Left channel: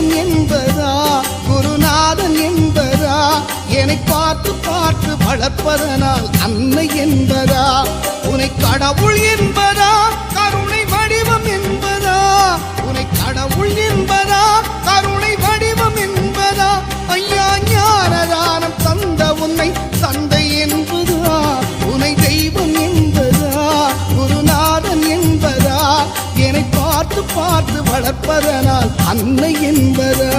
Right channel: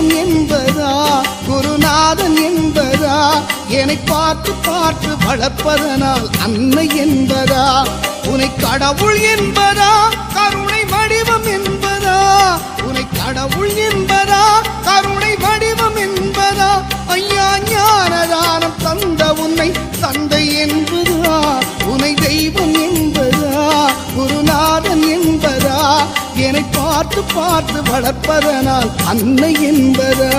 தெய்வம் என்பதா குருநாதன் என்பதா என்னை பார்த்து பார்த்து வளர்ப்பதனால் அன்னை என்பதா உன்னை கடவுள் என்பதா கருணை வடிவம் என்பதா உன்னை கடவுள் என்பதா கருணை வடிவம் என்பதா ஐயா ஞானதானம் தந்த உன்னை தந்தை என்பதா உன்னை தெய்வம் என்பதா குருநாதன் என்பதா என்னை பார்த்து பார்த்து வளர்ப்பதனால் அன்னை என்பதா